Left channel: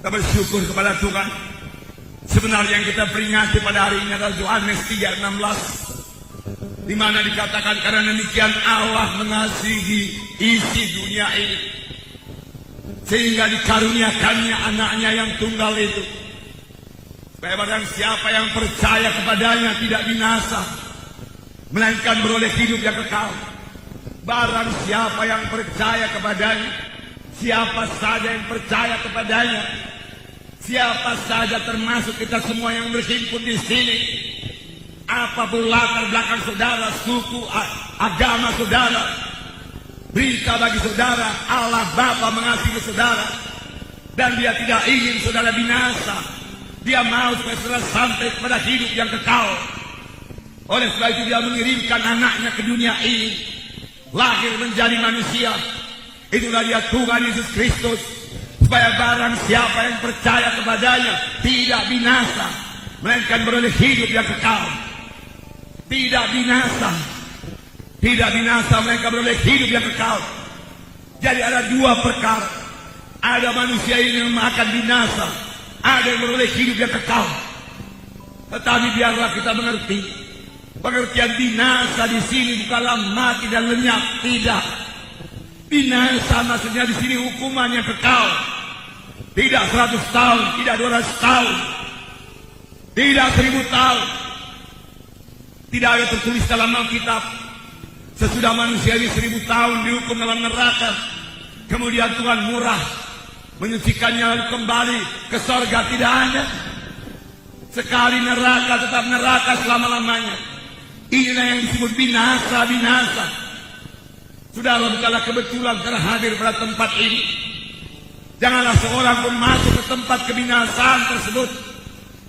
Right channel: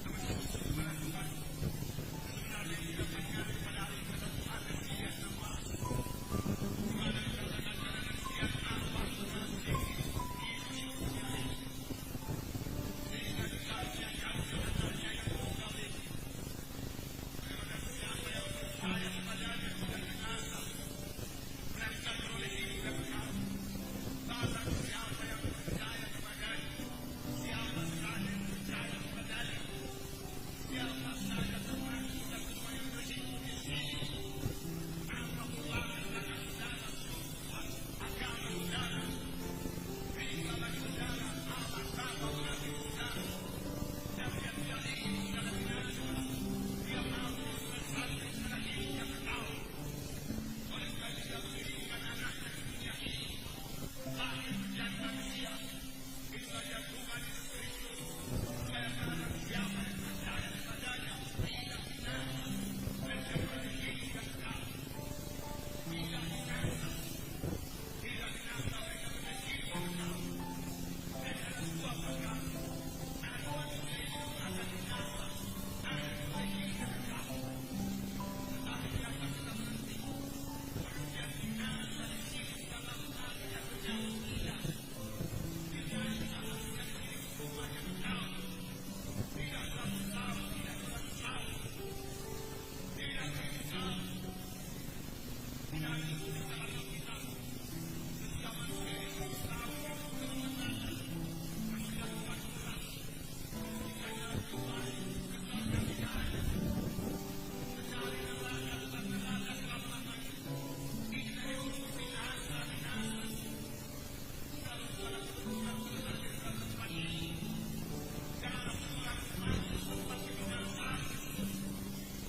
Kita bersyukur kepada Tuhan. Sebenarnya yang kita peringati pada hari ini adalah Yohanes 3:16, di mana dikatakan karena demikian Allah mengasihi isi dunia ini, sehingga dikaruniakannya anaknya yang tunggal itu, supaya barang siapa yang percaya kepadanya tidak binasa, melainkan beroleh hidup yang kekal. Barang siapa yang percaya kepadanya, siapa saja yang percaya kepadanya, siapa saja termasuk kita semua yang berhimpun di sini, apapun latar belakang saudara, suku, agama saudara, berita bagi saudara, Allah Bapa mengasihi saudara, dan Dia tidak ingin saudara binasa. Dia mau supaya saudara sampai kepada hidup yang kekal. Oleh sebab itu Dia mengirimkan anaknya ke dunia ini, lahir menjadi manusia. Itulah Dia Tuhan Yesus Kristus, supaya barang siapa yang percaya kepadanya tidak binasa, melainkan beroleh hidup yang kekal. Tidak binasa, tidak binasa, melainkan beroleh hidup yang kekal. Jadi ada dua perkara. Ada manusia ini yang akan binasa, ada yang beroleh hidup yang kekal. Tetapi biarlah kita mengerti, pengertian binasa di sini bukanlah mati dan lenyap, tidak. Binasa maksudnya di sini hukuman yang kekal. Tidak 100 tahun, tidak 200 tahun, tidak 1000 tahun. Tidak ada tertulis dalam Alkitab sesudah manusia ini 1000 tahun dihukum dalam neraka, kemudian Tuhan murah menyucikannya lalu kembali ke sorga. Tidak ada. Sekali neraka tetap neraka selama-lamanya. Inilah yang disebut binasa. Saudara, bukanlah kebetulan karena hadir pada tempat ini. Janganlah seorang pun masuk ke tempat kebinasaan tersebut,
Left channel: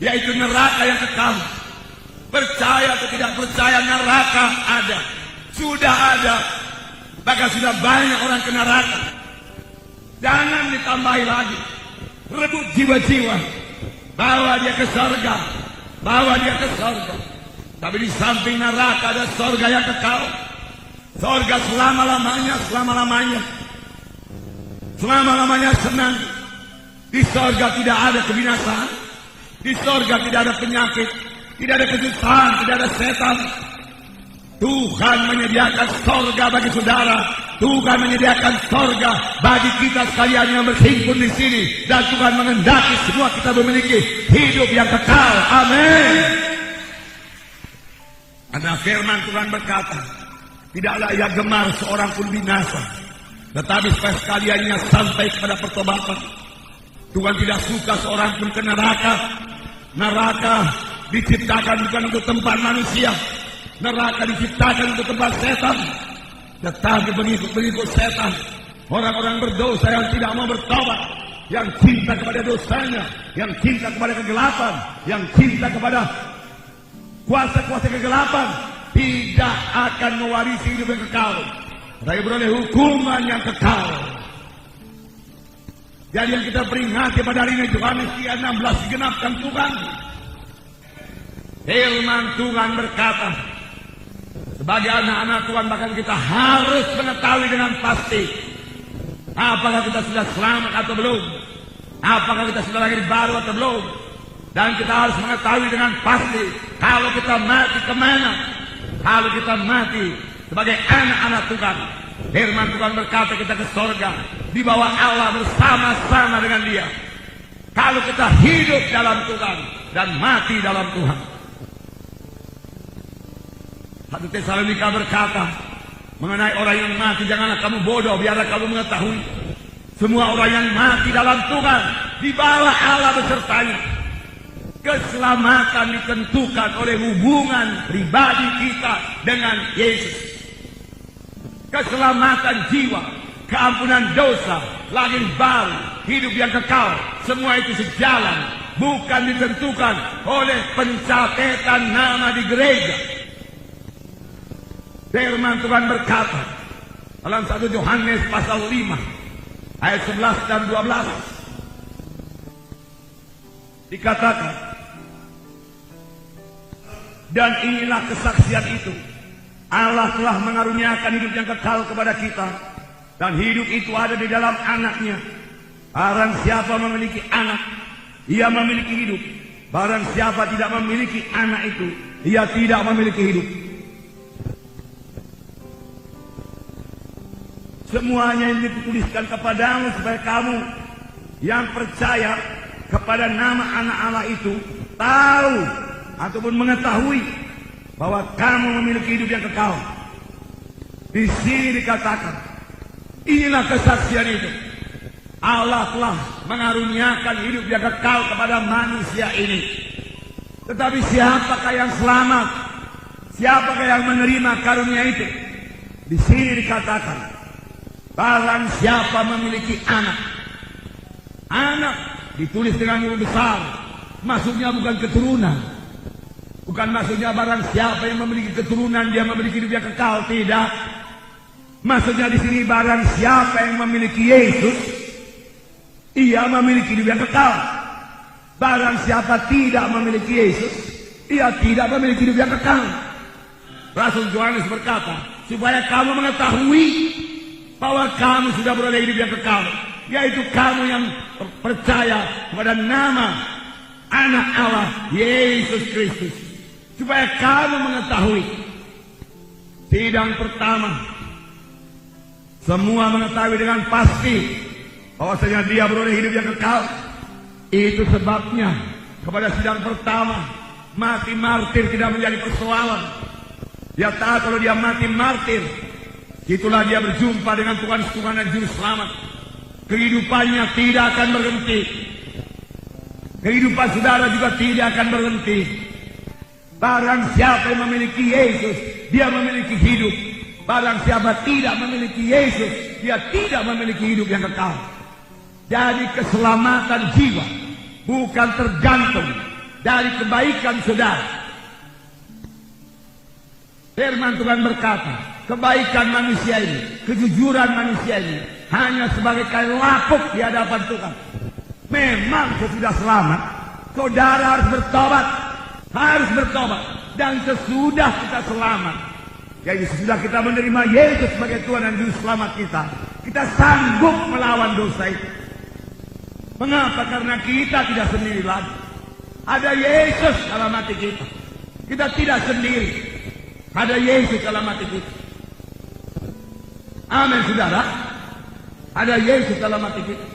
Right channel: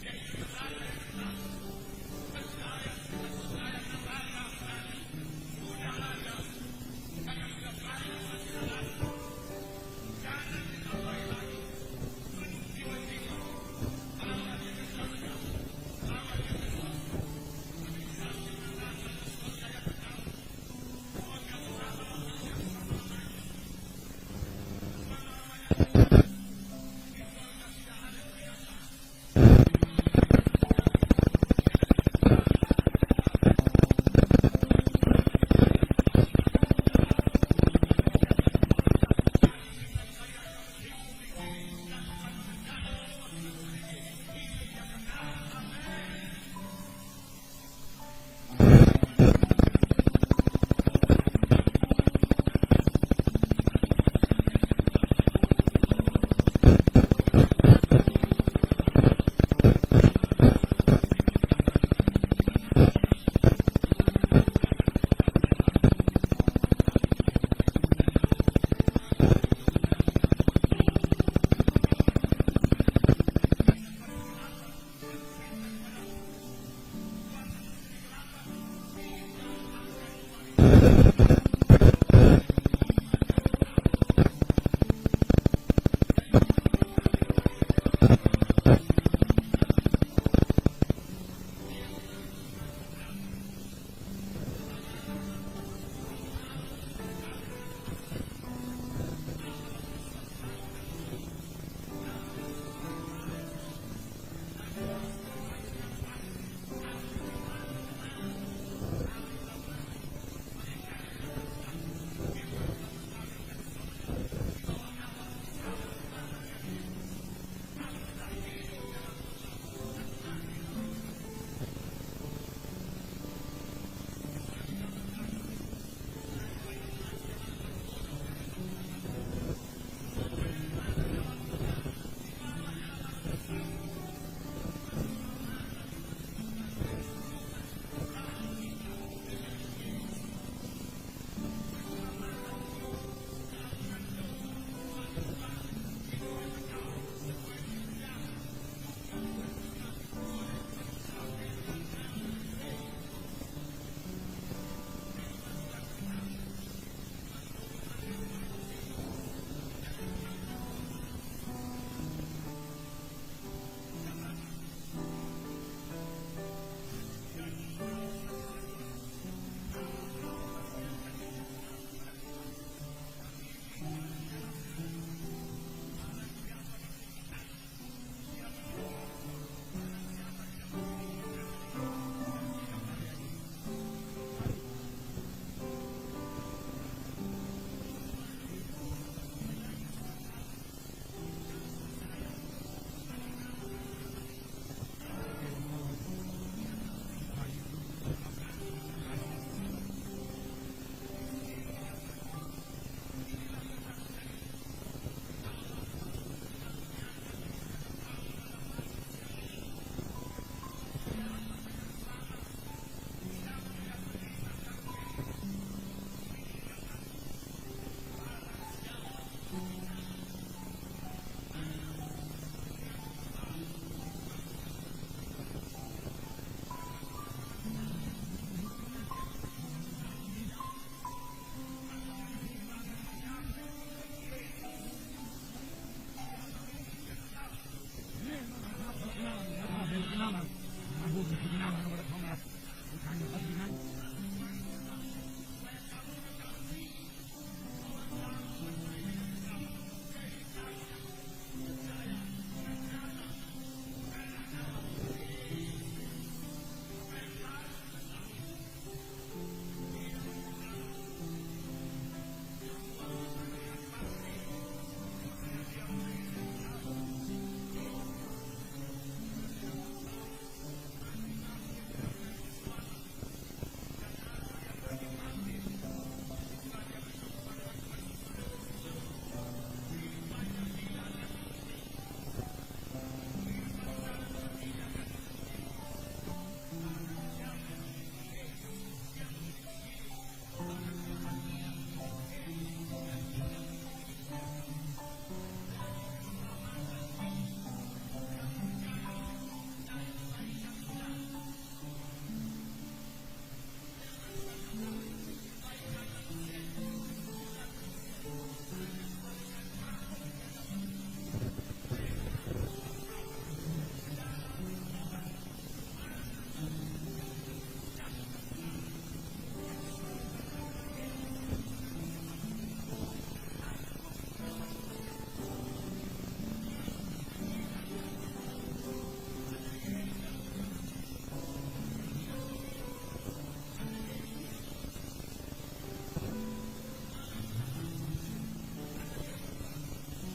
yaitu neraka yang kekal. Percaya atau tidak percaya, neraka ada. Sudah ada. Bahkan sudah banyak orang ke neraka. Jangan ditambahi lagi. Rebut jiwa-jiwa. Bawa dia ke surga. Bawa dia ke surga. Tapi di samping neraka ada surga yang kekal. Surga selama-lamanya, selama-lamanya. Selama-lamanya senang. Di surga tidak ada kebinasaan. Di surga tidak ada penyakit, tidak ada kesusahan, tidak ada setan. Tuhan menyediakan surga bagi saudara. Tuhan menyediakan surga bagi kita sekalian yang berhimpun di sini. Dan Tuhan menghendaki semua kita memiliki hidup yang kekal. Amin. Karena firman Tuhan berkata, tidaklah Ia gemar seorang pun binasa, tetapi supaya sekaliannya sampai kepada pertobatan. Tuhan tidak suka seorang pun ke neraka. Neraka diciptakan bukan untuk tempat manusia. Neraka diciptakan untuk tempat setan. Tetapi pengikut setan, orang-orang berdosa yang tidak mau bertobat, yang cinta kepada dosanya, yang cinta kepada kegelapan, yang cinta kepada kuasa-kuasa kegelapan, tidak akan mewarisi hidup yang kekal, tapi beroleh hukuman yang kekal. Jadi yang kita peringati pada hari ini, Yohanes 3:16 digenapkan Tuhan. Firman Tuhan berkata, sebagai anak-anak Tuhan bahkan kita harus mengetahui dengan pasti apakah kita sudah selamat atau belum, apakah kita sudah lahir baru atau belum. Dan kita harus mengetahui dengan pasti kalau kita mati kemana. Kalau kita mati sebagai anak-anak Tuhan, firman Tuhan berkata kita ke surga, di bawah Allah bersama-sama dengan Dia. Kalau kita hidup dalam Tuhan dan mati dalam Tuhan. 1 Tesalonika berkata mengenai orang yang mati, janganlah kamu bodoh, biarlah kamu mengetahui semua orang yang mati dalam Tuhan di bawah Allah besertanya. Keselamatan ditentukan oleh hubungan pribadi kita dengan Yesus. Keselamatan jiwa, keampunan dosa, lahir baru, hidup yang kekal, semua itu sejalan, bukan ditentukan oleh pencatatan nama di gereja. Firman Tuhan berkata dalam 1 Yohanes pasal 5 ayat 11 dan 12 dikatakan, Dan inilah kesaksian itu. Allah telah mengaruniakan hidup yang kekal kepada kita. Dan hidup itu ada di dalam anaknya. Barang siapa memiliki anak, ia memiliki hidup. Barang siapa tidak memiliki anak itu, ia tidak memiliki hidup. Semuanya ini dituliskan kepadamu supaya kamu yang percaya kepada nama anak Allah itu tahu ataupun mengetahui bahwa kamu memiliki hidup yang kekal. Di sini dikatakan, inilah kesaksian itu. Allah telah mengaruniakan hidup yang kekal kepada manusia ini. Tetapi siapakah yang selamat? Siapakah yang menerima karunia itu? Di sini dikatakan, barang siapa memiliki anak. Anak ditulis dengan huruf besar. Maksudnya bukan keturunan. Bukan maksudnya barang siapa yang memiliki keturunan dia memiliki hidup yang kekal. Tidak. Maksudnya di sini barang siapa yang memiliki Yesus, ia memiliki hidup yang kekal. Barang siapa tidak memiliki Yesus, ia tidak memiliki hidup yang kekal. Rasul Yohanes berkata, supaya kamu mengetahui bahwa kamu sudah beroleh hidup yang kekal, yaitu kamu yang percaya kepada nama Anak Allah Yesus Kristus. Supaya kamu mengetahui. Sidang pertama, semua mengetahui dengan pasti bahwasanya dia beroleh hidup yang kekal. Itu sebabnya kepada sidang pertama, mati martir tidak menjadi persoalan. Dia tahu kalau dia mati martir, itulah dia berjumpa dengan Tuhan dan Juru Selamat. Kehidupannya tidak akan berhenti. Kehidupan saudara juga tidak akan berhenti. Barang siapa yang memiliki Yesus, dia memiliki hidup. Barang siapa tidak memiliki Yesus, dia tidak memiliki hidup yang kekal. Jadi keselamatan jiwa bukan tergantung dari kebaikan saudara. Firman Tuhan berkata, kebaikan manusia ini, kejujuran manusia ini hanya sebagai kain lapuk di hadapan Tuhan. Memang sesudah selamat, saudara harus bertobat. Harus bertobat. Dan sesudah kita selamat, yaitu sesudah kita menerima Yesus sebagai Tuhan dan Juru Selamat kita sanggup melawan dosa itu. Mengapa? Karena kita tidak sendiri lagi. Ada Yesus dalam hati kita. Kita tidak sendiri. Ada Yesus dalam hati kita. Amin, saudara. Ada Yesus dalam hati kita.